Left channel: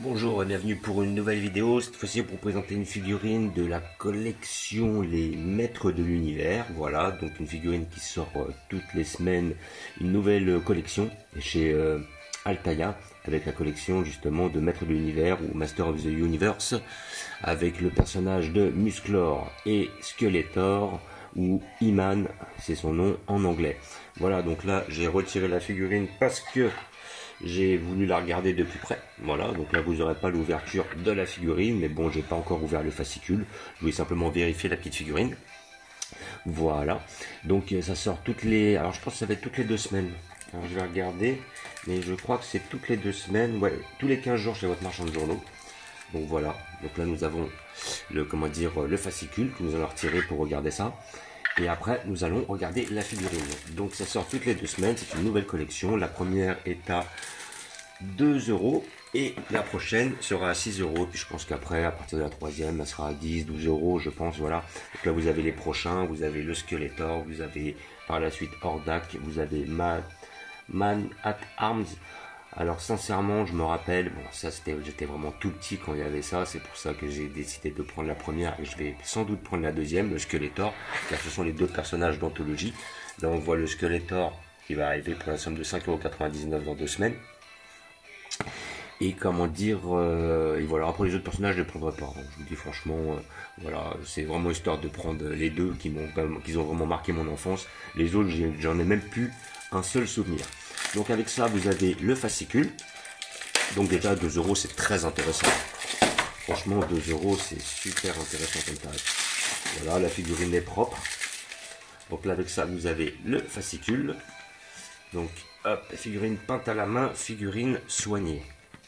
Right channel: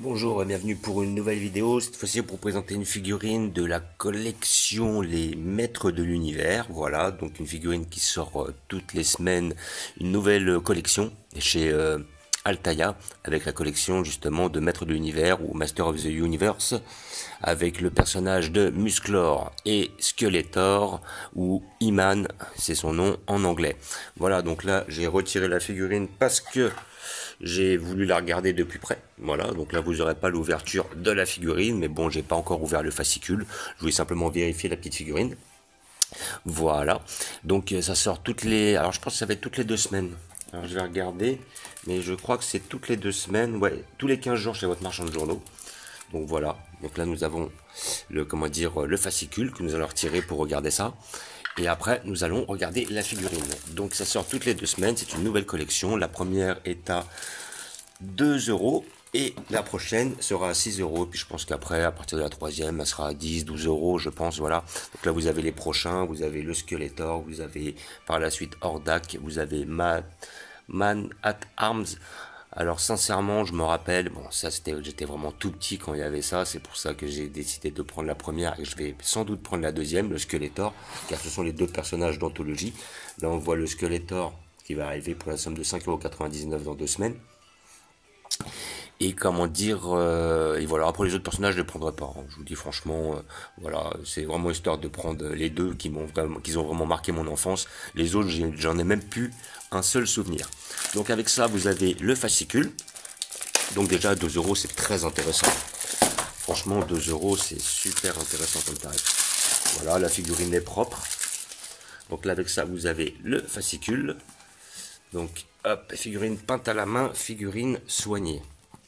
Bonjour et bienvenue pour une nouvelle vidéo, cette fois-ci pour vous présenter une figurine de la collection Les Maîtres de l'Univers. Voilà, donc une figurine qui sort toutes les semaines, une nouvelle collection chez Altaïa, avec la collection justement de Maîtres de l'Univers ou Master of the Universe, avec le personnage de Musclor et Skeletor, ou He-Man, c'est son nom en anglais. Voilà, donc là j'ai retiré la figurine parce que j'ai voulu la regarder de plus près. Voilà, donc là vous n'aurez pas l'ouverture de la figurine, mais bon, j'ai pas encore ouvert le fascicule. Je voulais simplement vérifier la petite figurine. Voilà, donc ça sort toutes les. Alors je pense que ça va être toutes les 2 semaines. Alors je vais regarder, mais je crois que c'est toutes les 2 semaines. Ouais, tous les 15 jours chez votre marchand de journaux. Donc voilà, donc là nous avons le fascicule que nous allons retirer pour regarder ça. Et après, nous allons regarder la figurine. Donc ça sort toutes les 2 semaines, c'est une nouvelle collection. La première est à 2 € et la prochaine sera à 6 €. Puis je pense qu'après, à partir de la troisième, elle sera à 10, 12 €, je pense. Voilà. Donc là, vous avez les prochains, vous avez le Skeletor, vous avez par la suite Hordak, vous avez Man at Arms. Alors sincèrement, je me rappelle, bon ça j'étais vraiment tout petit quand il y avait ça, c'est pour ça que j'ai décidé de prendre la première et je vais sans doute prendre la deuxième, le Skeletor, car ce sont les deux personnages d'anthologie. Là on voit le Skeletor qui va arriver pour la somme de 5,99 € dans 2 semaines. Et comment dire, et voilà, après les autres personnages je ne les prendrai pas, hein. Je vous dis franchement, voilà, c'est vraiment histoire de prendre les deux qui ont vraiment marqué mon enfance. Les autres j'en ai même plus un seul souvenir. Donc avec ça vous avez le fascicule. Donc déjà 2 € c'est très intéressant. Franchement 2 € c'est super intéressant comme tarif. Voilà, la figurine est propre. Donc là avec ça vous avez le fascicule. Donc hop, figurine peinte à la main, figurine soignée.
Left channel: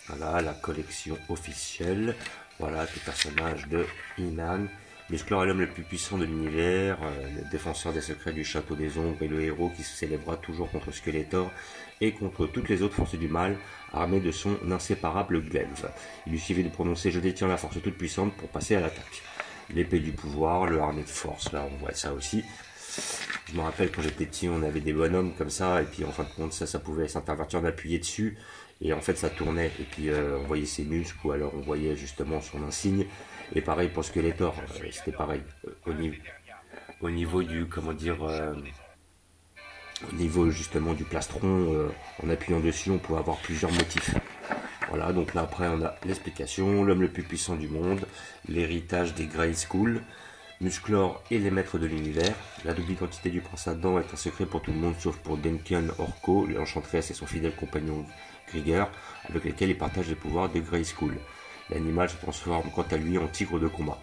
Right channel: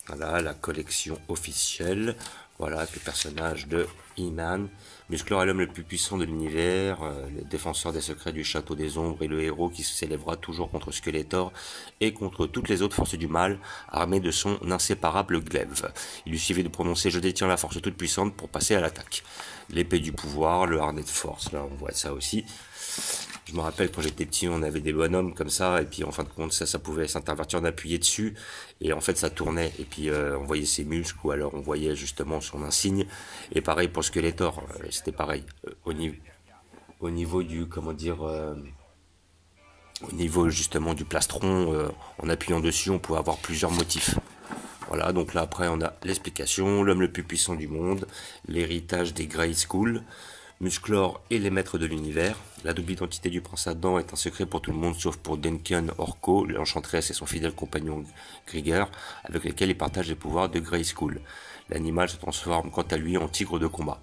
Voilà la collection officielle. Voilà le personnage de He-Man. Musclor est l'homme le plus puissant de l'univers, le défenseur des secrets du château des ombres et le héros qui s'élèvera toujours contre Skeletor et contre toutes les autres forces du mal, armé de son inséparable glaive. Il lui suffit de prononcer « Je détiens la force toute puissante » pour passer à l'attaque. L'épée du pouvoir, le harnais de force, là on voit ça aussi. Je me rappelle quand j'étais petit, on avait des bonhommes comme ça, et puis en fin de compte, ça pouvait s'intervertir, on appuyait dessus, et en fait ça tournait, et puis on voyait ses muscles, ou alors on voyait justement son insigne, et pareil pour Skeletor, c'était pareil, au niveau du, comment dire, au niveau justement du plastron, en appuyant dessus, on pouvait avoir plusieurs motifs. Voilà, donc là après on a l'explication, l'homme le plus puissant du monde, l'héritage des Grayskull, Musclor et les maîtres de l'univers. La double identité du prince Adam est un secret pour tout le monde sauf pour Duncan Orko, l'enchanteresse et son fidèle compagnon Krieger, avec lesquels il partage les pouvoirs de Grayskull. L'animal se transforme quant à lui en tigre de combat.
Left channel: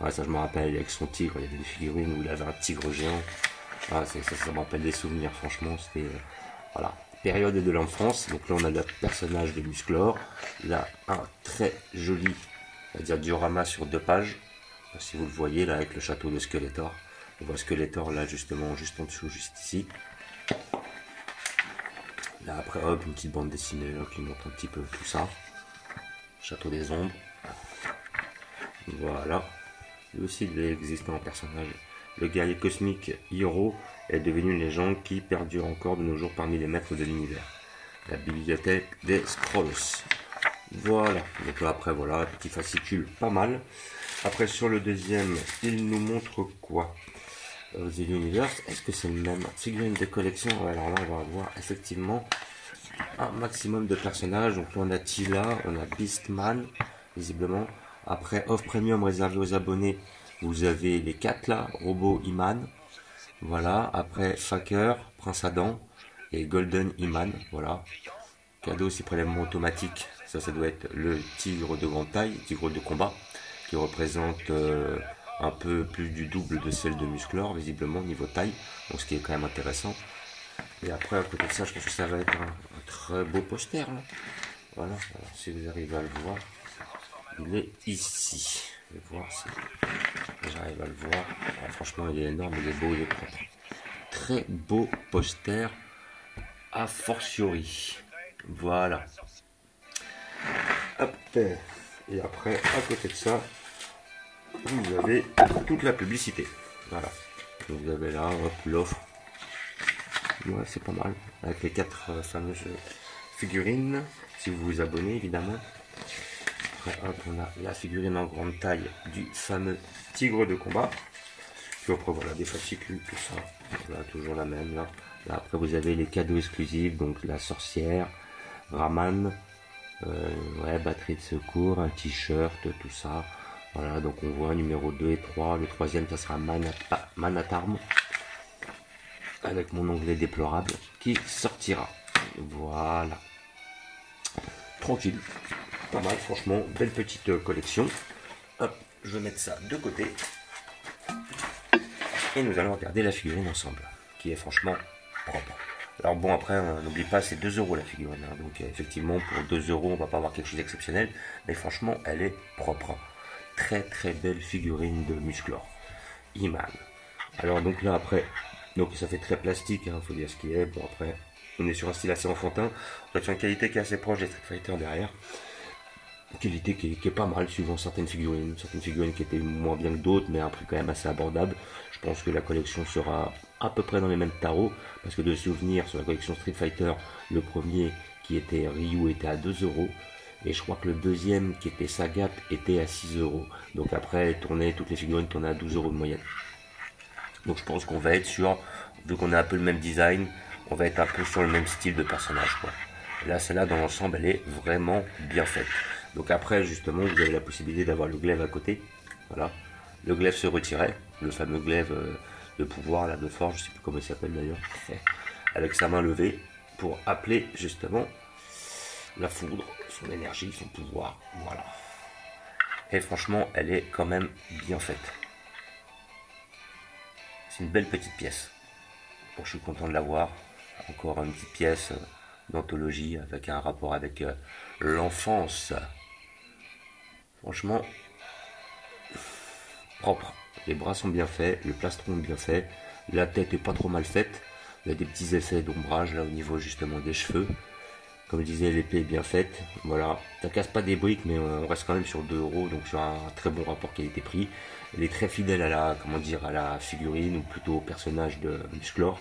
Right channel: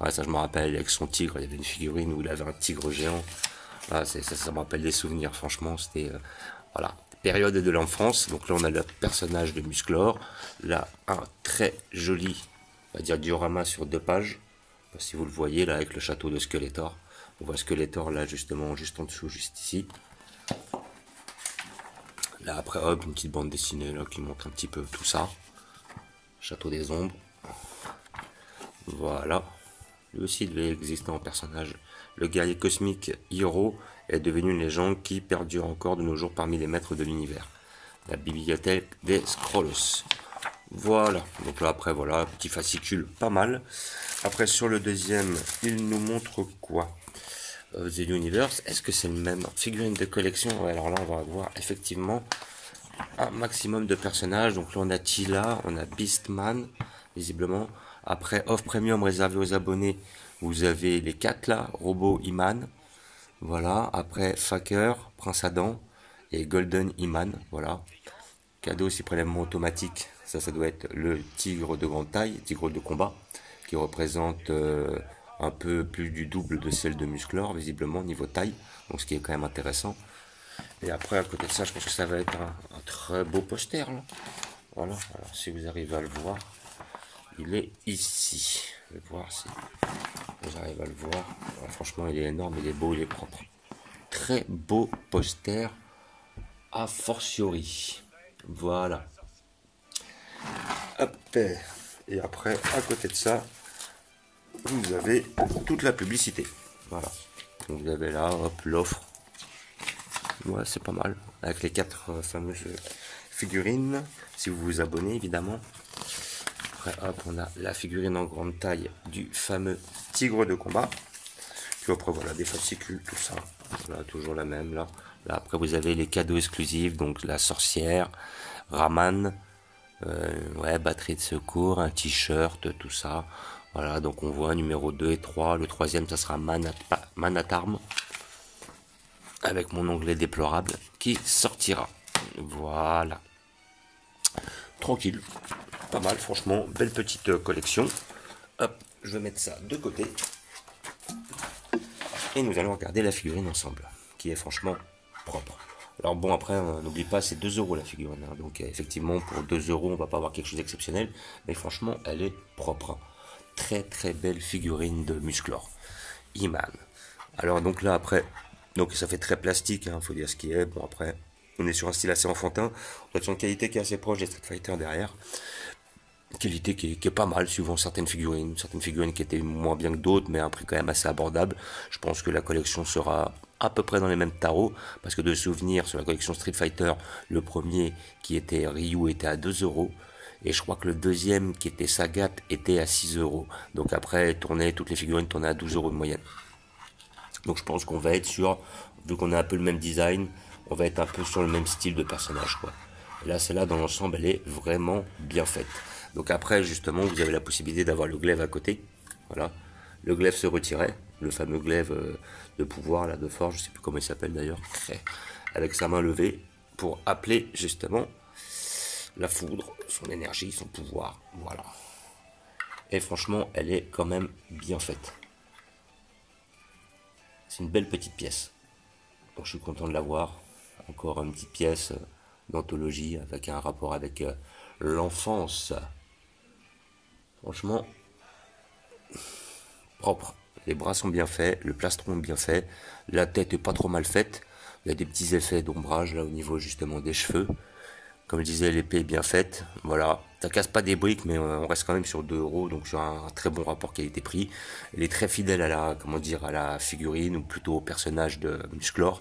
Ouais, ça je me rappelle avec son tigre, il y avait une figurine où il avait un tigre géant. Ah, ça me rappelle des souvenirs, franchement, c'était... voilà, période de l'enfance. Donc là on a le personnage de Musclor. Là un très joli, on va dire diorama sur 2 pages. Si vous le voyez là avec le château de Skeletor, on voit Skeletor là justement juste en dessous, juste ici. Là après hop, une petite bande dessinée là qui montre un petit peu tout ça. Château des ombres. Voilà. Lui aussi il existe en personnage. Le guerrier cosmique Hiro est devenu une légende qui perdure encore de nos jours parmi les maîtres de l'univers. La bibliothèque des Scrolls. Voilà, donc là après voilà, petit fascicule pas mal. Après sur le deuxième, il nous montre quoi? The Universe, est-ce que c'est le même? Figurine de collection, alors là on va avoir effectivement un maximum de personnages. Donc là on a Tila, on a Beastman, visiblement. Après Off Premium réservé aux abonnés, vous avez les 4 là, Robot He-Man. Voilà, après Faker, Prince Adam et Golden He-Man, voilà. Cadeau aussi prélèvement automatique, ça doit être le tigre de grande taille, tigre de combat, qui représente un peu plus du double de celle de Musclor, visiblement niveau taille, donc ce qui est quand même intéressant. Et après à côté de ça, je pense que ça va être un très beau poster là. Voilà, alors si vous arrivez à le voir, il est ici. Je vais voir si j'arrive à le voir. Alors, franchement il est énorme, il est beau, il est propre. Très beau poster a fortiori. Voilà. Hop. Et après, à côté de ça, vous avez toute la publicité. Voilà. Donc vous avez là, hop, l'offre. Ouais, c'est pas mal. Avec les 4 fameuses figurines, si vous vous abonnez évidemment. après, hop, on a la figurine en grande taille du fameux tigre de combat. Puis après, voilà, des fascicules, tout ça. Voilà, toujours la même, là. Là, après, vous avez les cadeaux exclusifs, donc la sorcière, Raman, ouais, batterie de secours, un t-shirt, tout ça. Voilà, donc on voit numéro 2 et 3. Le troisième, ça sera Manatarm, avec mon onglet déplorable, qui sortira. Voilà. Tranquille. Pas mal, franchement. Belle petite collection. Hop, je vais mettre ça de côté. Et nous allons regarder la figurine ensemble, qui est franchement propre. Alors bon, après, n'oublie pas, c'est 2 € la figurine. Hein. Donc effectivement, pour 2 €, on va pas avoir quelque chose d'exceptionnel. Mais franchement, elle est propre. Hein. Très très belle figurine de Musclor. He-Man. Alors donc là, après, donc ça fait très plastique, hein, faut dire ce qui est. Bon après, on est sur un style assez enfantin. On est sur une qualité qui est assez proche des Street Fighter derrière. Qualité qui est pas mal suivant certaines figurines qui étaient moins bien que d'autres, mais un prix quand même assez abordable. Je pense que la collection sera à peu près dans les mêmes tarots, parce que de souvenir, sur la collection Street Fighter, le premier qui était Ryu était à 2 €, et je crois que le deuxième qui était Sagat était à 6 €. Donc après, toutes les figurines tournaient à 12 € de moyenne. Donc je pense qu'on va être sur, vu qu'on a un peu le même design, on va être un peu sur le même style de personnage, quoi. Et là, celle-là, dans l'ensemble, elle est vraiment bien faite. Donc après, justement, vous avez la possibilité d'avoir le glaive à côté. Voilà. Le glaive se retirait. Le fameux glaive de pouvoir, là, de force, je ne sais plus comment il s'appelle d'ailleurs. Avec sa main levée pour appeler, justement, la foudre, son énergie, son pouvoir. Voilà. Et franchement, elle est quand même bien faite. C'est une belle petite pièce. Donc, je suis content de l'avoir. Encore une petite pièce d'anthologie avec un rapport avec l'enfance. Franchement, propre. Les bras sont bien faits, le plastron est bien fait, la tête est pas trop mal faite. Il y a des petits effets d'ombrage là au niveau justement des cheveux. Comme je disais, l'épée est bien faite. Voilà, ça casse pas des briques, mais on reste quand même sur 2 €, donc sur un très bon rapport qualité-prix. Elle est très fidèle à la, comment dire, à la figurine ou plutôt au personnage de Musclor.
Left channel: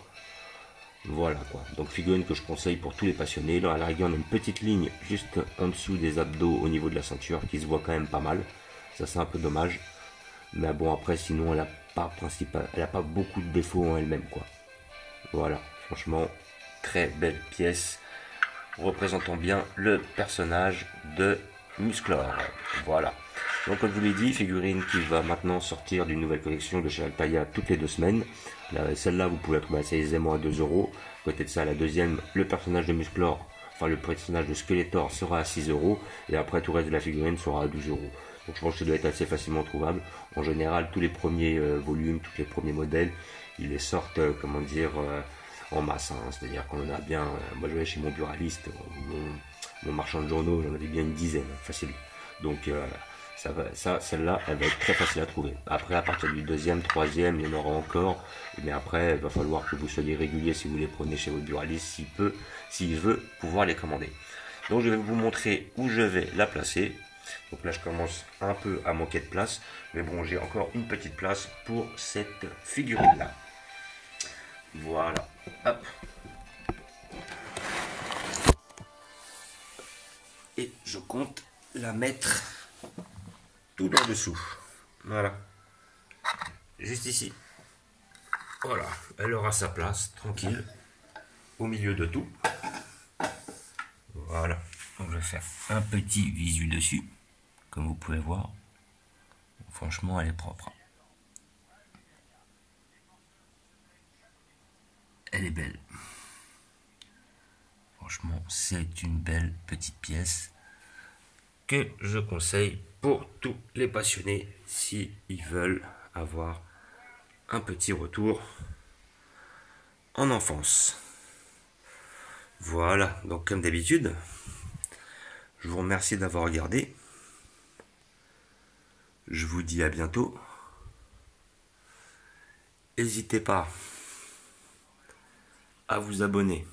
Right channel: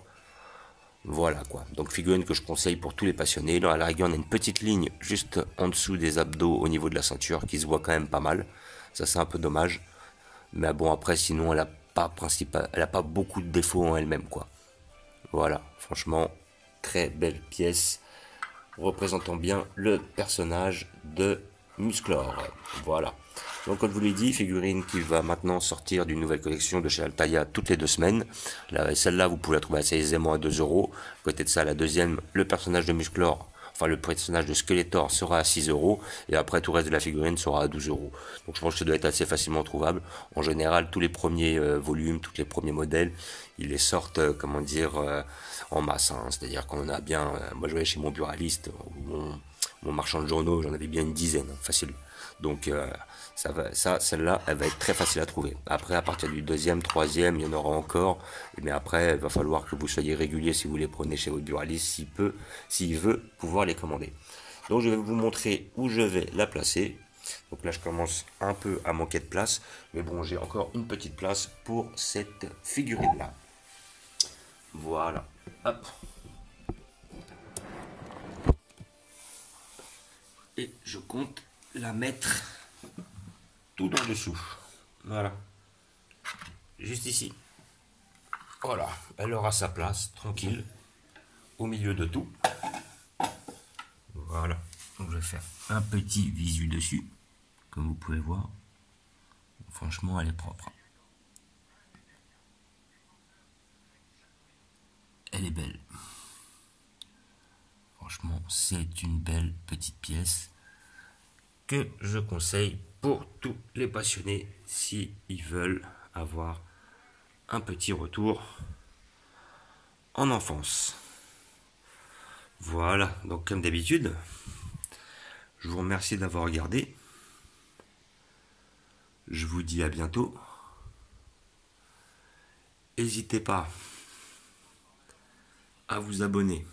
Voilà quoi, donc figurine que je conseille pour tous les passionnés. Là, à la rigueur, on a une petite ligne juste en dessous des abdos au niveau de la ceinture qui se voit quand même pas mal. Ça, c'est un peu dommage. Mais bon, après, sinon, elle a pas beaucoup de défauts en elle-même, quoi. Voilà, franchement, très belle pièce représentant bien le personnage de Musclor. Voilà. Donc comme je vous l'ai dit, figurine qui va maintenant sortir d'une nouvelle collection de chez Altaïa toutes les 2 semaines. Celle-là, vous pouvez la trouver assez aisément à 2 €. Côté de ça, la deuxième, le personnage de Musclor, enfin le personnage de Skeletor sera à 6 €. Et après, tout le reste de la figurine sera à 12 €. Donc je pense que ça doit être assez facilement trouvable. En général, tous les premiers volumes, tous les premiers modèles, ils les sortent, comment dire, en masse. Hein. C'est-à-dire qu'on a bien... moi, je vais chez mon buraliste, mon marchand de journaux, j'en avais bien une dizaine, facile. Donc celle-là, elle va être très facile à trouver. Après, à partir du deuxième, troisième, il y en aura encore. Mais après, il va falloir que vous soyez régulier si vous les prenez chez votre buraliste, s'il veut pouvoir les commander. Donc je vais vous montrer où je vais la placer. Donc là, je commence un peu à manquer de place. Mais bon, j'ai encore une petite place pour cette figurine-là. Voilà. Hop. Et je compte la mettre tout en dessous. Voilà. Juste ici. Voilà. Elle aura sa place, tranquille, au milieu de tout. Voilà. Donc je vais faire un petit visu dessus, comme vous pouvez voir. Franchement, elle est propre. Elle est belle. Franchement, c'est une belle petite pièce que je conseille pour tous les passionnés si ils veulent avoir un petit retour en enfance. Voilà, donc comme d'habitude, je vous remercie d'avoir regardé. Je vous dis à bientôt. N'hésitez pas à vous abonner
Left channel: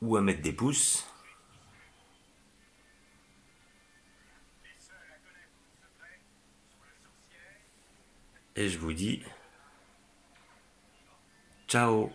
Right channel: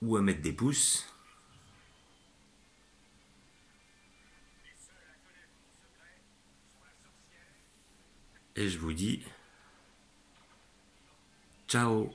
ou à mettre des pouces. Et je vous dis ciao.